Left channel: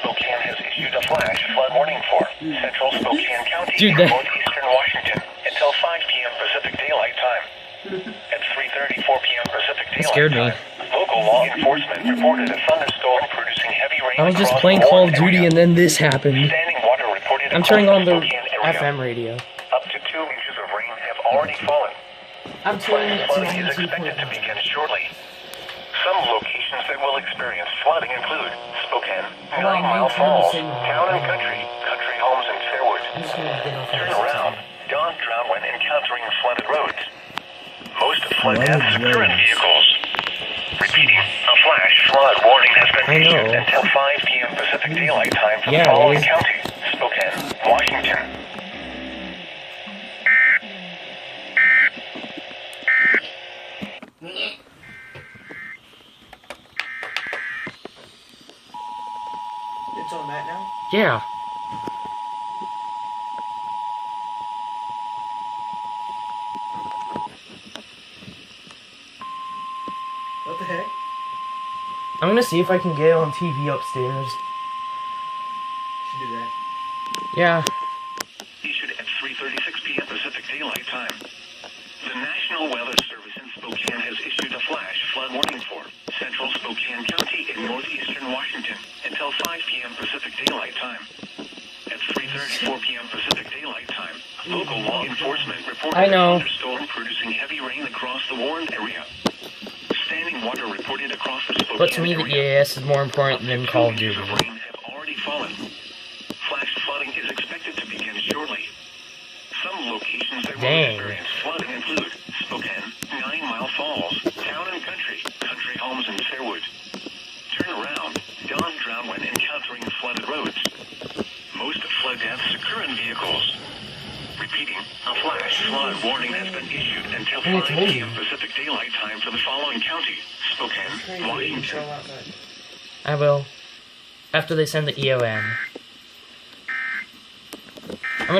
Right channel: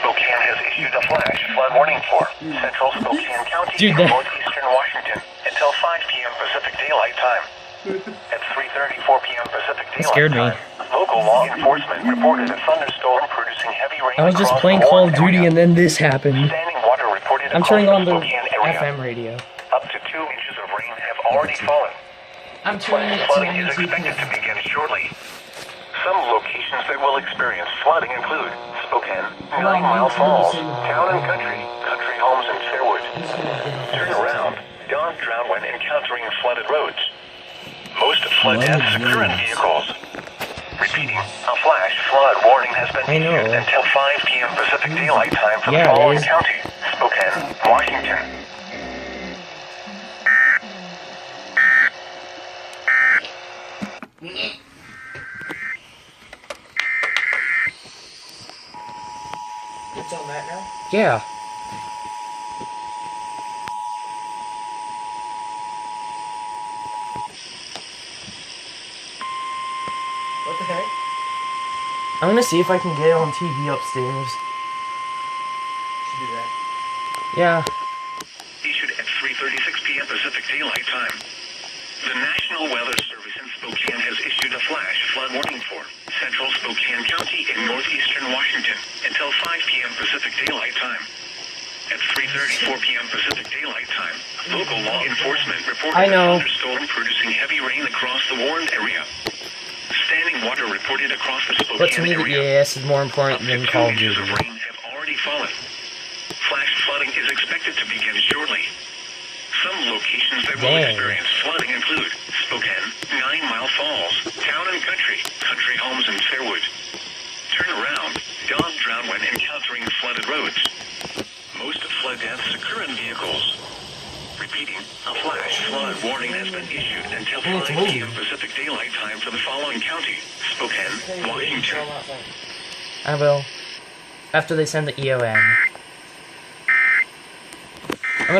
Spokane has issued a flash flood warning for central Spokane County and northeastern Washington until 5 p.m. Pacific Daylight Time. At 3:34 p.m. Pacific Daylight Time, local law enforcement reported a thunderstorm producing heavy rain. I was just playing Call of Duty and then this happened. Standing water reported I'm across turning on the the Spokane area. FM radio. Up to 2 inches of rain have already fallen. Flash flooding is expected to begin shortly. Some locations that will experience flooding include Spokane, 9 Mile Falls, Town and Country, Country Homes and Fairwood. Turn around, don't drown when encountering flooded roads. Most flood deaths occur in vehicles. Repeating, a flash flood warning has been issued until 5 p.m. Pacific Daylight Time for the following counties: Spokane, Washington. It's on that now? Yeah. What the heck? I'm gonna see if I can get it on TV upstairs. Should do that. Yeah. Issued at 3:36 p.m. Pacific Daylight Time. The National Weather Service in Spokane has issued a flash flood warning for central Spokane County in northeastern Washington until 5 p.m. Pacific Daylight Time. At 3:34 p.m. Pacific Daylight Time, local law enforcement reported a thunderstorm producing heavy rain across the warned area. Standing water reported across the Spokane But to me, the area. EAS is more important than Call of Duty. Of rain have already fallen. Flash flooding is expected to begin shortly. Some locations that will experience flooding include Spokane, 9 Mile Falls, Town and Country, Country Homes and Fairwood. Turn around, don't drown when encountering flooded roads. Most flood deaths occur in vehicles. Repeating, a flash flood warning has been issued until 5 p.m. Pacific Daylight Time for the following county: Spokane, Washington. I will. After they send the EON.